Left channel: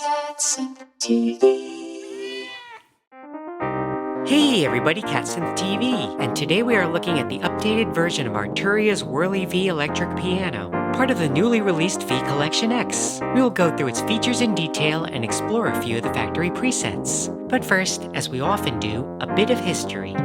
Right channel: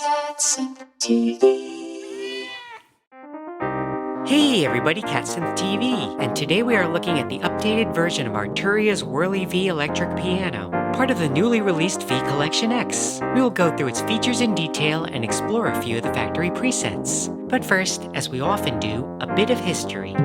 Cats and TV. Hey everybody, Catsynth TV, and today we are looking at the updated version of Arturia's Wurli V electric piano, part of the newly released V Collection X. We will go through its features in detail and explore a few of the factory presets. But first, as we often do, a bit of history.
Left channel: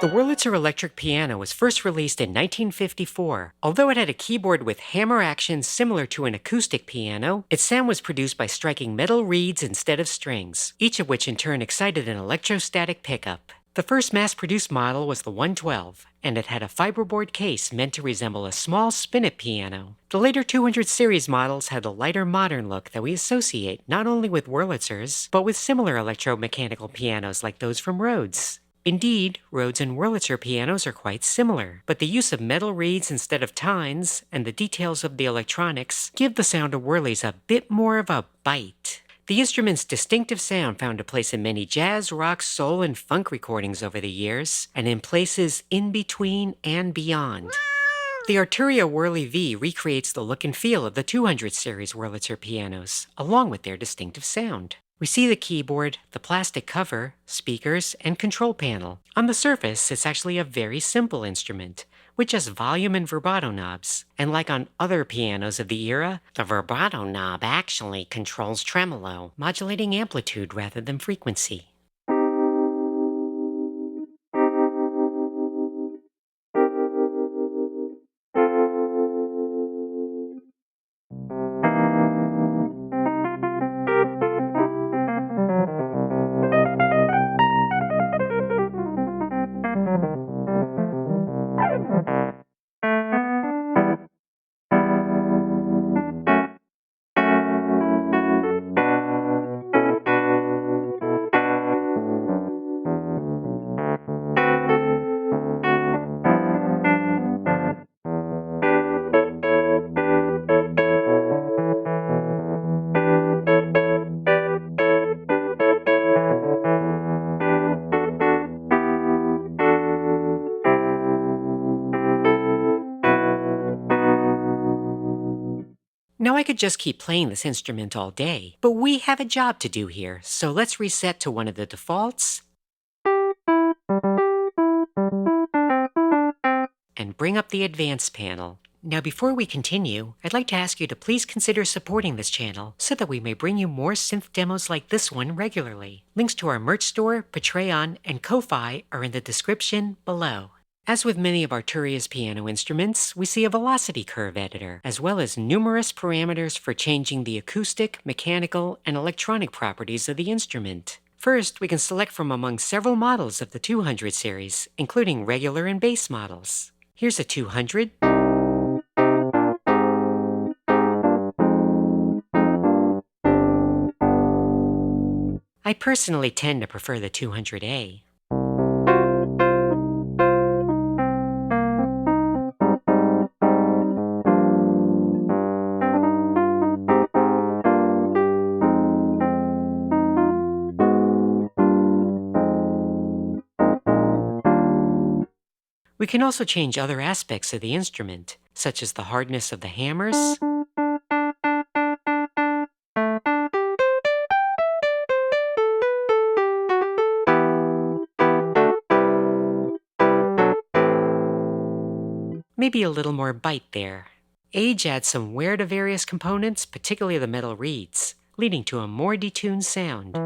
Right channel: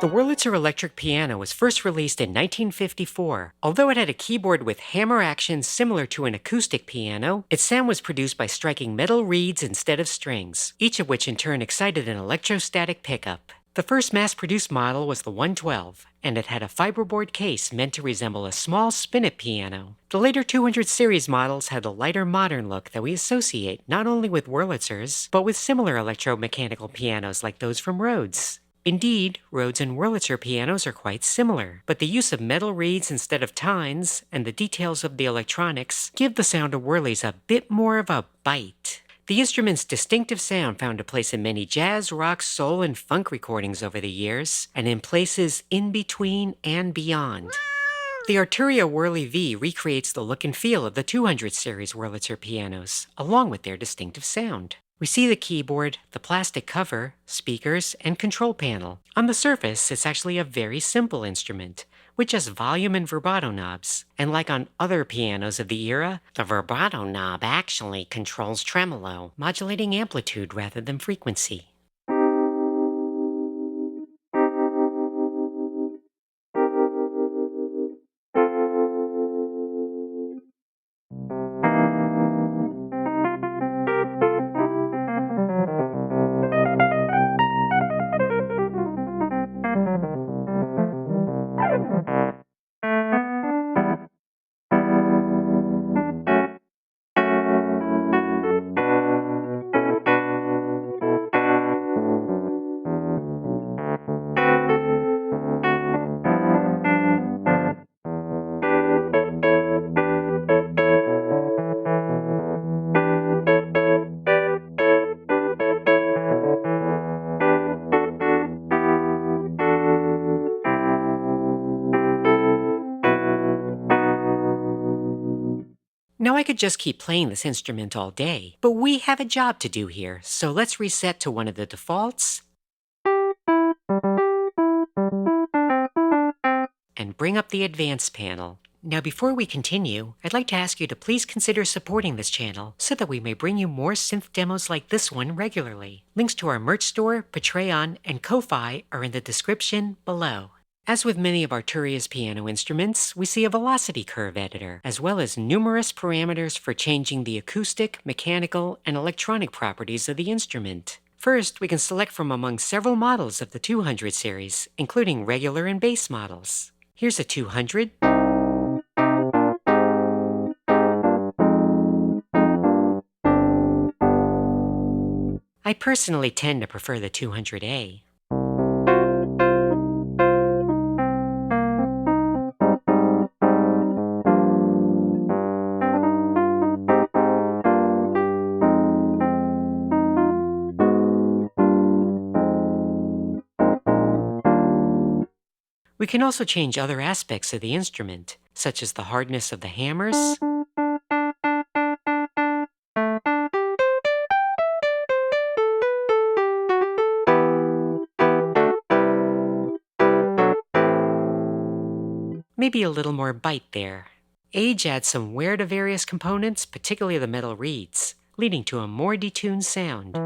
The Wurlitzer Electric Piano was first released in 1954. Although it had a keyboard with hammer action similar to an acoustic piano, its sound was produced by striking metal reeds instead of strings, each of which in turn excited an electrostatic pickup. The first mass-produced model was the 112, and it had a fiberboard case meant to resemble a small spinet piano. The later 200 series models had a lighter modern look that we associate not only with Wurlitzers, but with similar electromechanical pianos like those from Rhodes. Indeed, Rhodes and Wurlitzer pianos are quite similar, but the use of metal reeds instead of tines and the details of the electronics give the sound of Wurli's a bit more of a bite. The instrument's distinctive sound found a place in many jazz, rock, soul, and funk recordings over the years, and in places in between and beyond. The Arturia Wurli V recreates the look and feel of the 200 series Wurlitzer pianos, along with their distinctive sound. We see the keyboard, the plastic cover, speakers, and control panel. On the surface, it's actually a very simple instrument, with just volume and vibrato knobs. And like on other pianos of the era, the vibrato knob actually controls tremolo, modulating amplitude rather than frequency. Now I could just keep playing this instrument all day, but we have a job to do here, so let's reset to one of the defaults and bring up the advanced panel. Now before we continue, I'd like to ask you to please consider supporting this channel so that we may bring you more synth demos like this one regularly. Links to our merch store, Patreon, and Ko-Fi are in the description below. As with many of Arturia's piano instruments, we see a velocity curve editor, as well as numerous parameters for changing the acoustic, mechanical, and electronic properties of the instrument. First, we can select from among several models of the 200 series, including regular and base models. Here's a 200. I personally tend to prefer the 200A. We can also change other aspects of the instrument, such as the hardness of the hammers, maybe a little more bite there. Age adds some wear to various components, particularly the metal reeds, leading to a more detuned sound.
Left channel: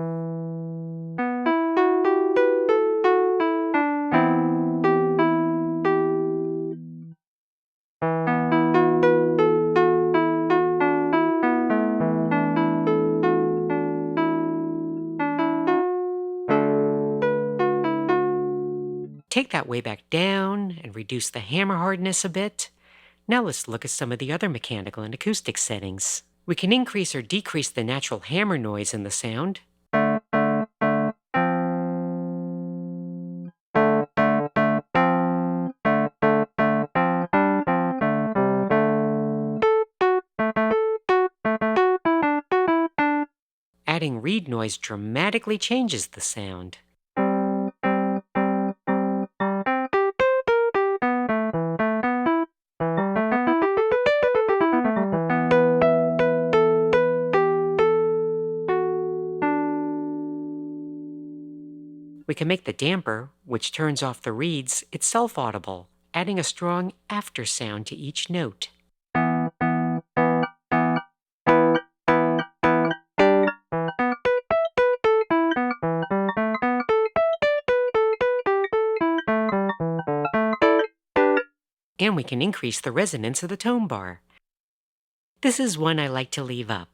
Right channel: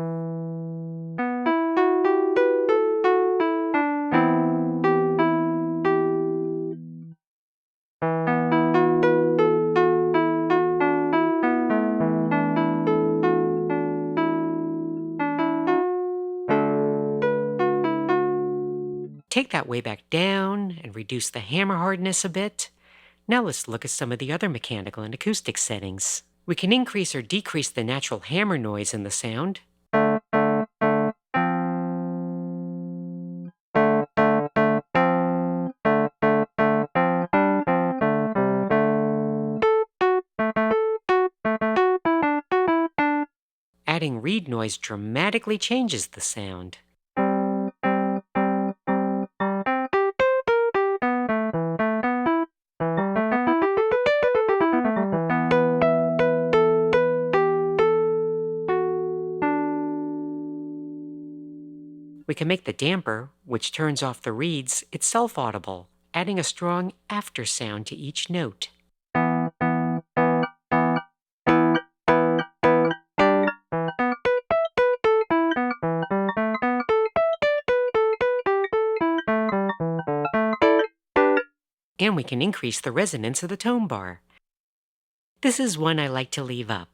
Take that way back down and reduce the hammer hardness a bit. Now let's look at some of the other mechanical and acoustic settings. We can increase or decrease the natural hammer noise in the sound. Adding reed noise dramatically changes the sound. We can make the damper, which turns off the reeds, itself audible, adding a strong after sound to each note. And we can increase the resonance of the tone bar. This is one I like to leave up.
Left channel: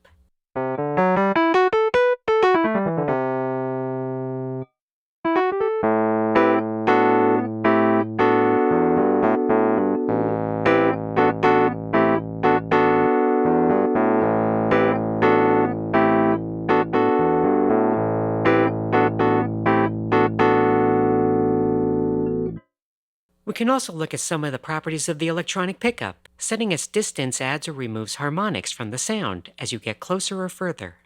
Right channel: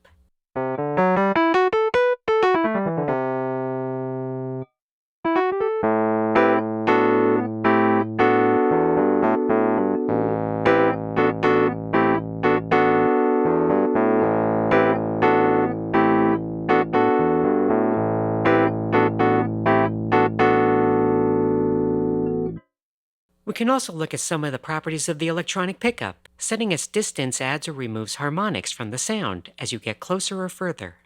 We can also look at some of the properties of the electronic pickup. Setting its distance adds or removes harmonics from the sound as you get closer or further.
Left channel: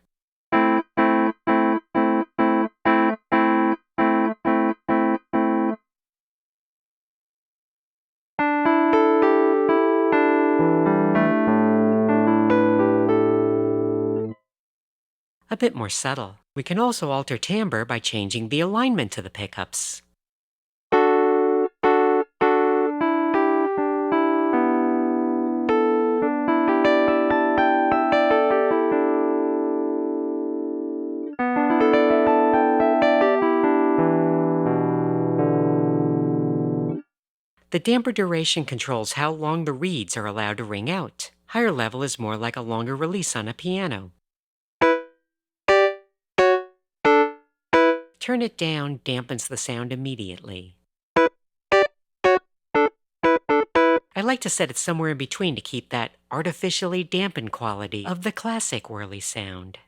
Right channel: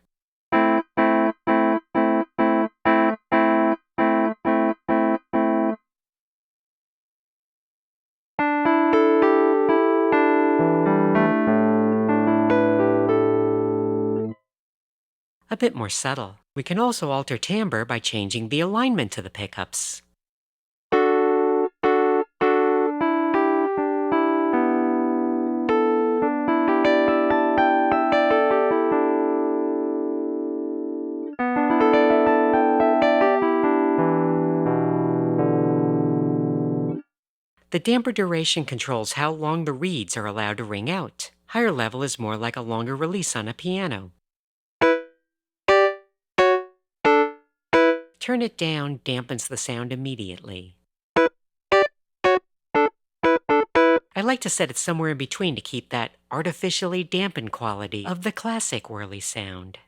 A bit more subtle. We can also alter timbre by changing the alignment to the pickups. The damper duration controls how long the reeds are allowed to ring out. Higher level is more like a longer release on a piano. Turn it down dampens the sound immediately. I like to set it somewhere in between to keep that artificially dampened quality of the classic Wurli sound.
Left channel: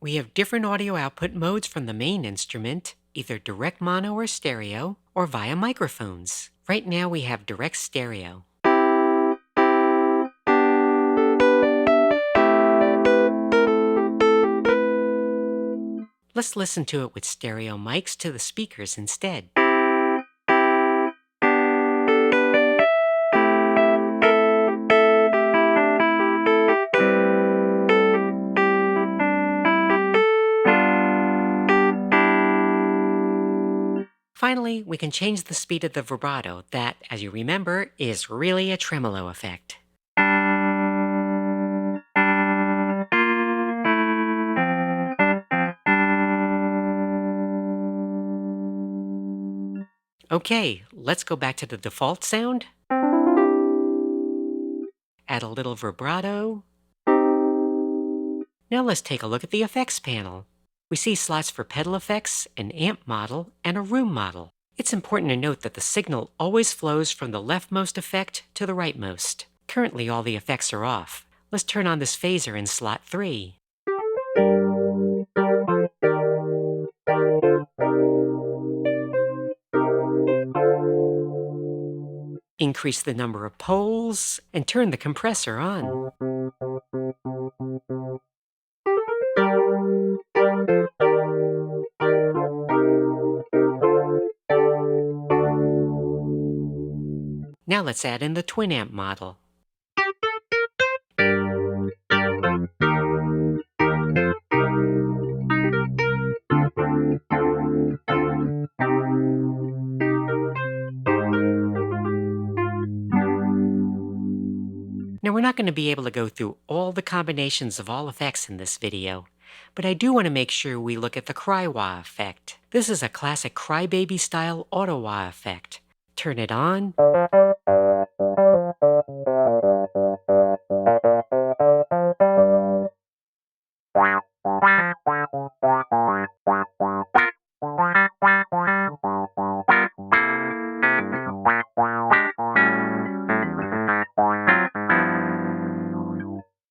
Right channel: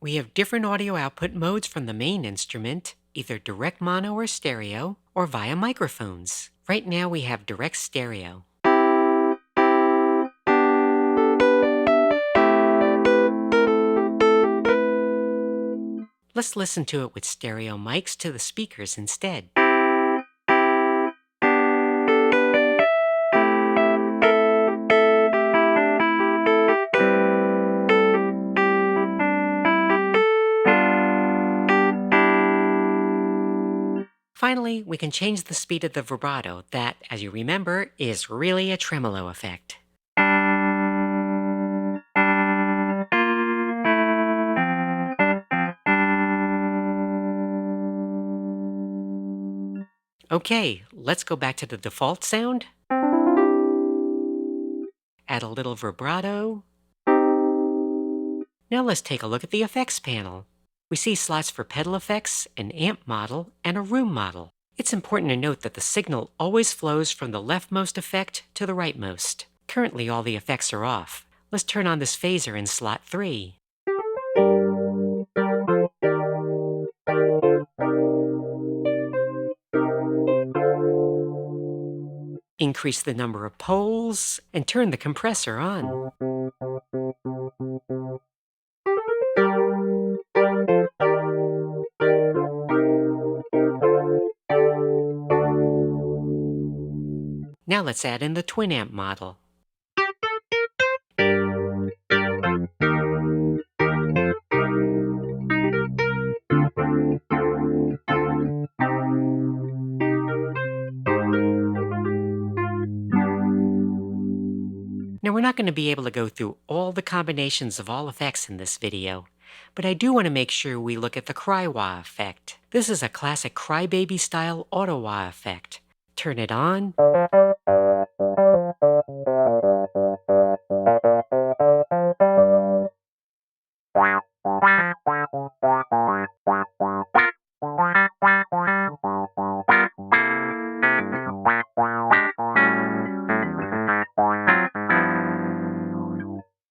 We have different audio output modes from the main instrument, either direct mono or stereo, or via microphones. Right now we have direct stereo. Let's listen to it with stereo mics to the speakers instead. Finally, we can change the speed of the vibrato that, as you remember, is really a tremolo effect. Okay, let's go back to the default sound. Add a little vibrato. Now let's take a look at the effects panel. We see slots for pedal effects, an amp model, and a room model. It's important to note that the signal always flows from the leftmost effect to the rightmost. Currently, all the effects are off. Let's turn on this phaser in slot 3. Increase the number of poles and turn the compressor on. Now let's add in the twin amp model. Now we're not going to be able to go through all the combinations of all effects in this video, but I do want to make sure we look at the cry-wah effect. This is a classic crybaby style auto-wah effect. Turn it on.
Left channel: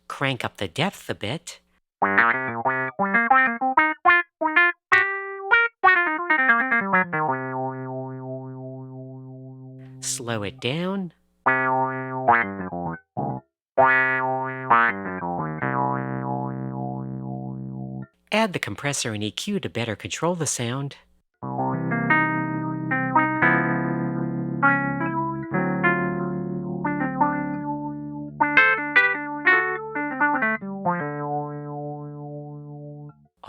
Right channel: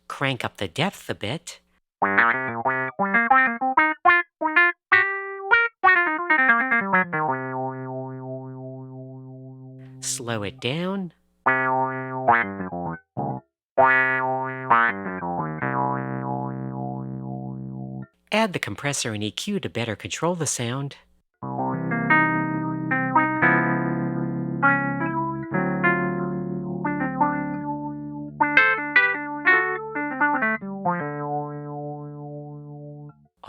Crank up the depth a bit. Slow it down. Add the compressor and EQ to better control the sound.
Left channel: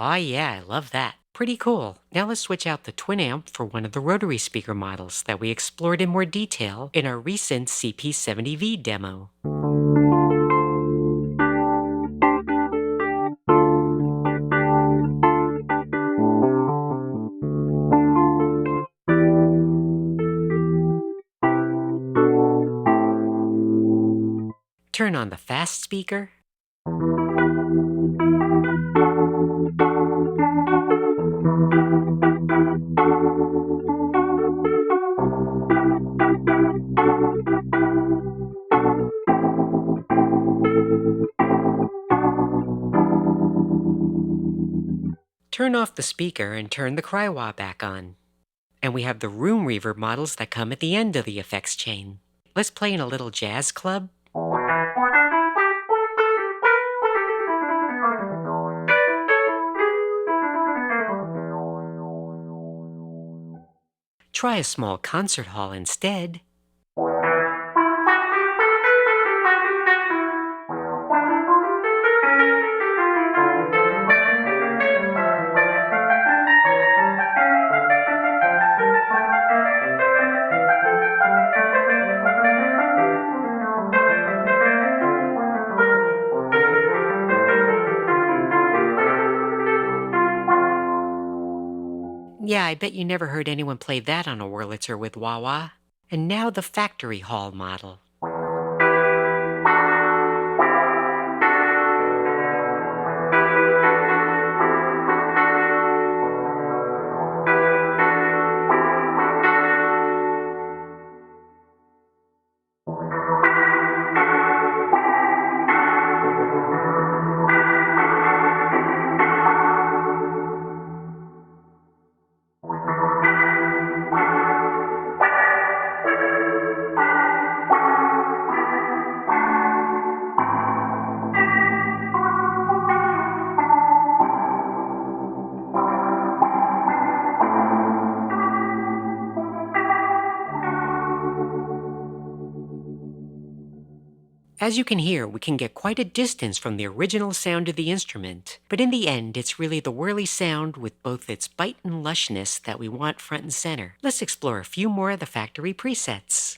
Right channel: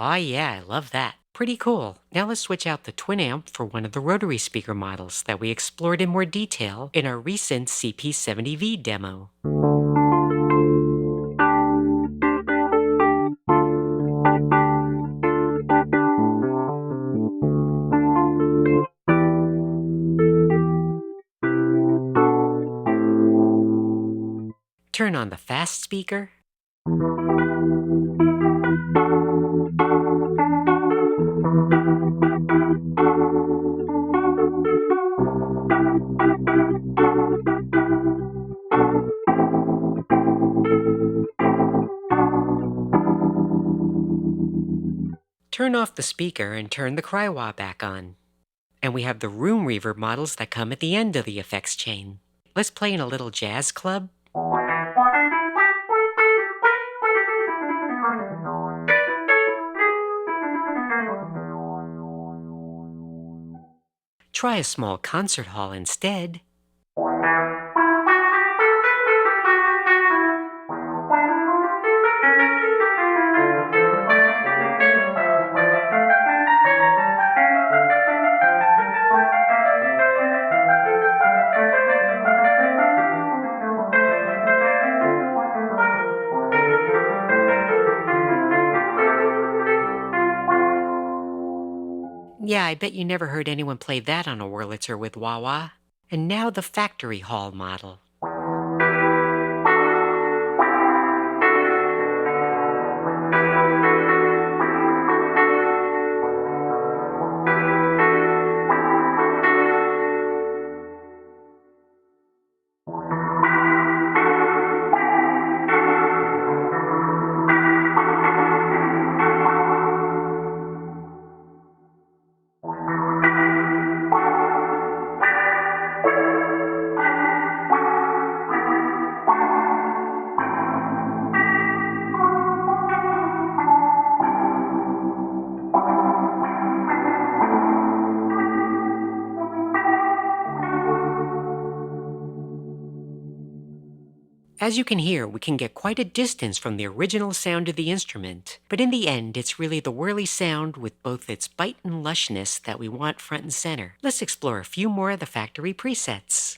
Aw, yeah, I love that. Pretty cool. Now let's switch out the twin amp for one of the rotary speaker models that we explored in more detail in our recent CP70V demo. Turn on the fast speaker. Turn off the speaker and turn the cry-wah back on. And we have the room reverb models that come at the end of the effects chain. Let's play in a little jazz club. Try a small concert hall instead. Yeah, I bet you never heard anyone play that on a Wurlitzer with wah-wah. And now the factory hall model. As you can hear, we can get quite a distance from the original sound of the instrument, but in the end, it's really the Wurli sound with both its bite and lushness that we want front and center. Let's explore a few more of the factory presets.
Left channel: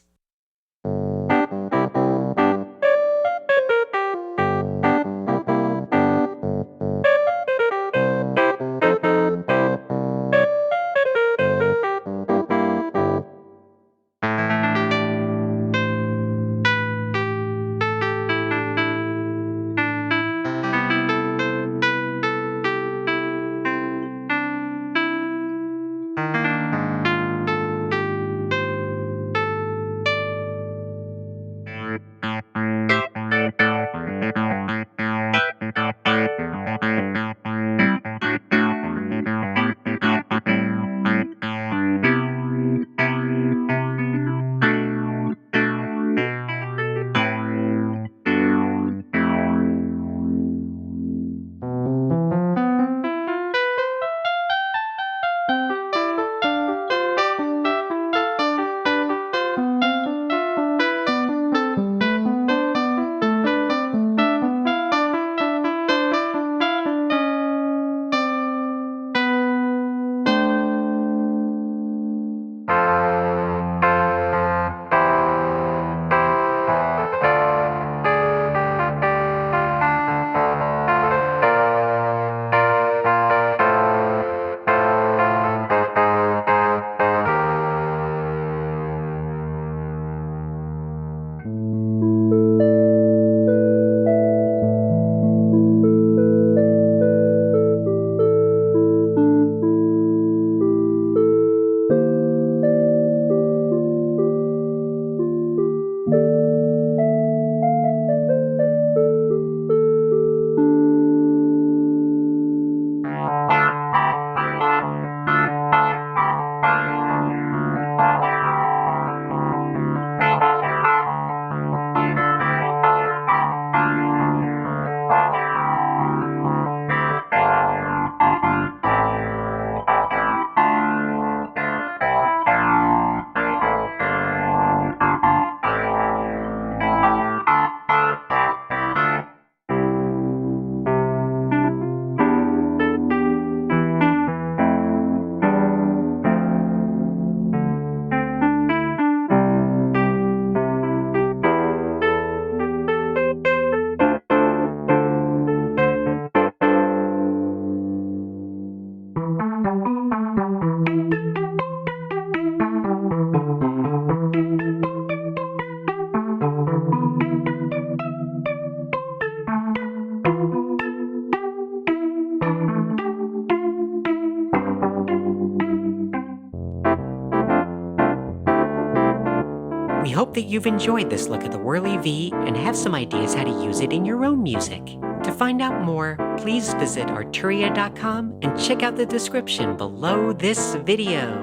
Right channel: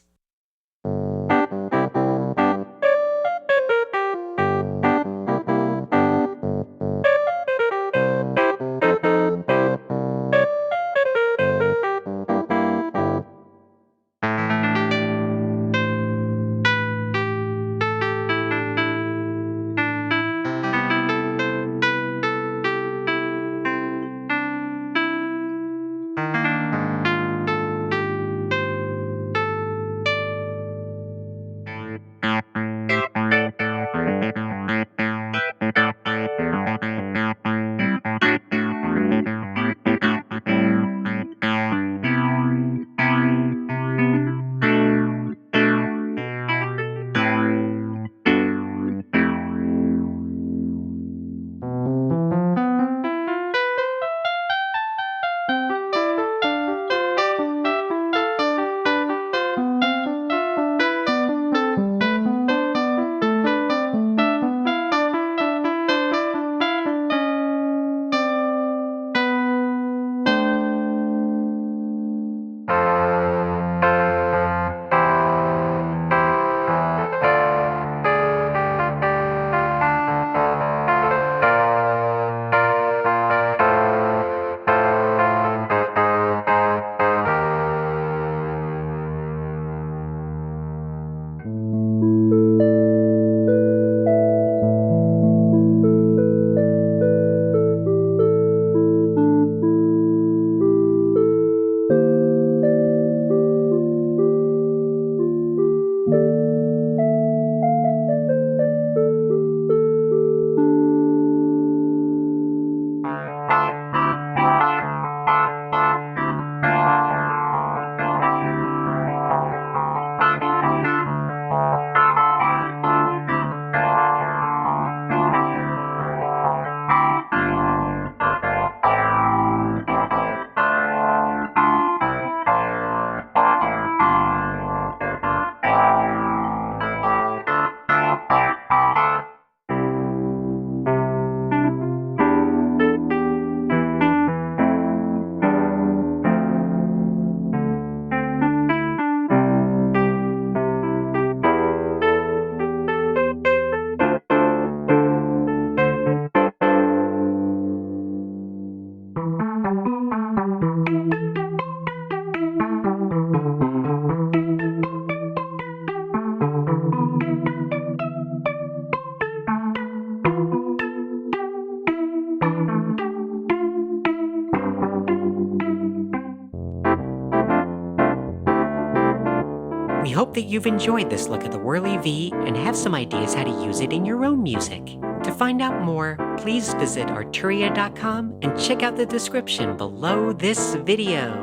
that you've enjoyed this look at the Wurli V and have some ideas how to use it in your own music. To find out more, please visit arturia.com and check out the description below this video.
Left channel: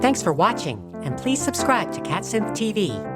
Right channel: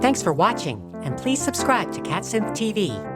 Thanks for watching, and please subscribe to CatSynth TV.